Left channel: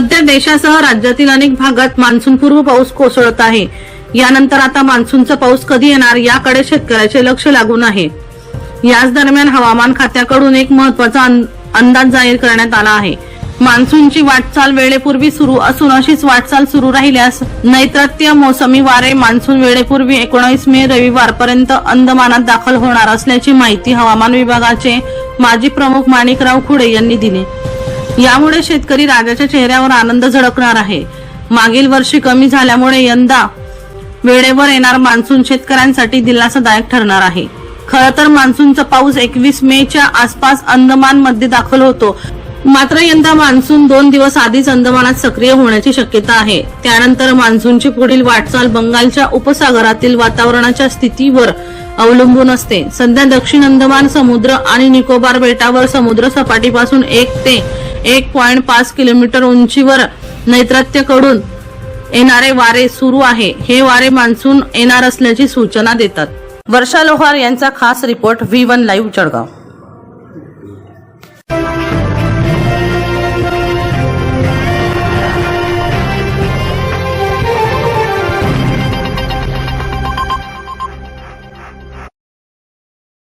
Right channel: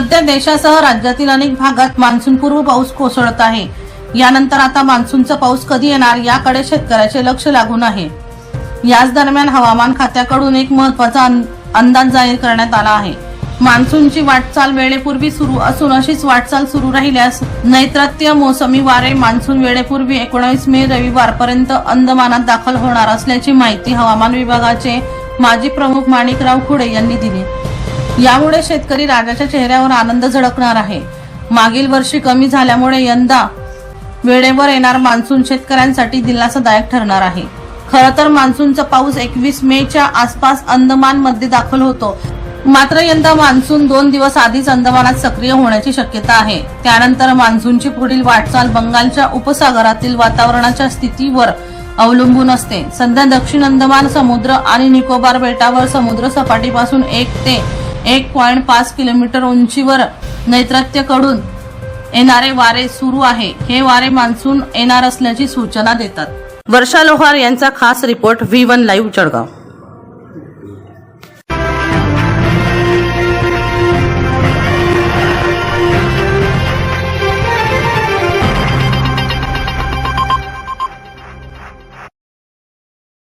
सध्या देशासह राज्यातील अनेक भागात मान्सूनपूर्व पाऊस कोसळत आहे. यानंतर आता मान्सूनचा पाऊस कधी येणार याकडे शेतकऱ्याचे लक्ष लागून आहे. याच दरम्यान हवामान खात्याकडून एक महत्त्वाचा अं- अंदाज जाहीर करण्यात आला आहे. मान्सूनची वाटचाल वेळेपूर्वी सुरू असून अशीच वाटचाल सुरू राहिल्यास नैतृत्य मोसमी वारे मान्सून वेळेपूर्वी एकोणावीस मे रविवारपर्यंत अंदमानात दाखल होणार असल्याची माहिती हवामान विभागाचे माजी प्रमुख माणिकराव खुडे यांनी दिली. यामुळे शेतकरी राजाच्या चेहऱ्यावर आनंद झळकणार आहे. मागील वर्षी कमी झाल्यामुळे यंदा वेळेवर येणार मान्सून शेतकऱ्यांसाठी दिलासादायक ठरणार आहे. खरं तर मान्सूनचा पाऊस एकवीस मे च्या आसपास अंदमानमध्ये दाखल होतो. मात्र यंदा मान्सून दोन दिवस आधीच अंदमानात सक्रिय होण्याची शक्यता आहे. त्यानंतर मान्सूनची पुढील वाटचाल बंगालच्या उपसागरातील वातावरणाच्या स्थितीवर अवलंबून असते. सध्या दक्षिण अंदमान समुद्र आणि निकोबार बेटावर समुद्र सपाटीपासून एक ते एक पॉइंट पाच किलोमीटर उंचीवर नैतृत्यकडून येणारे वारे सुरू आहे. हे वारे मान्सून येणार असल्याची सूचना देतात. वर्षा लोहार यांचा खास report V one live Jalgaon.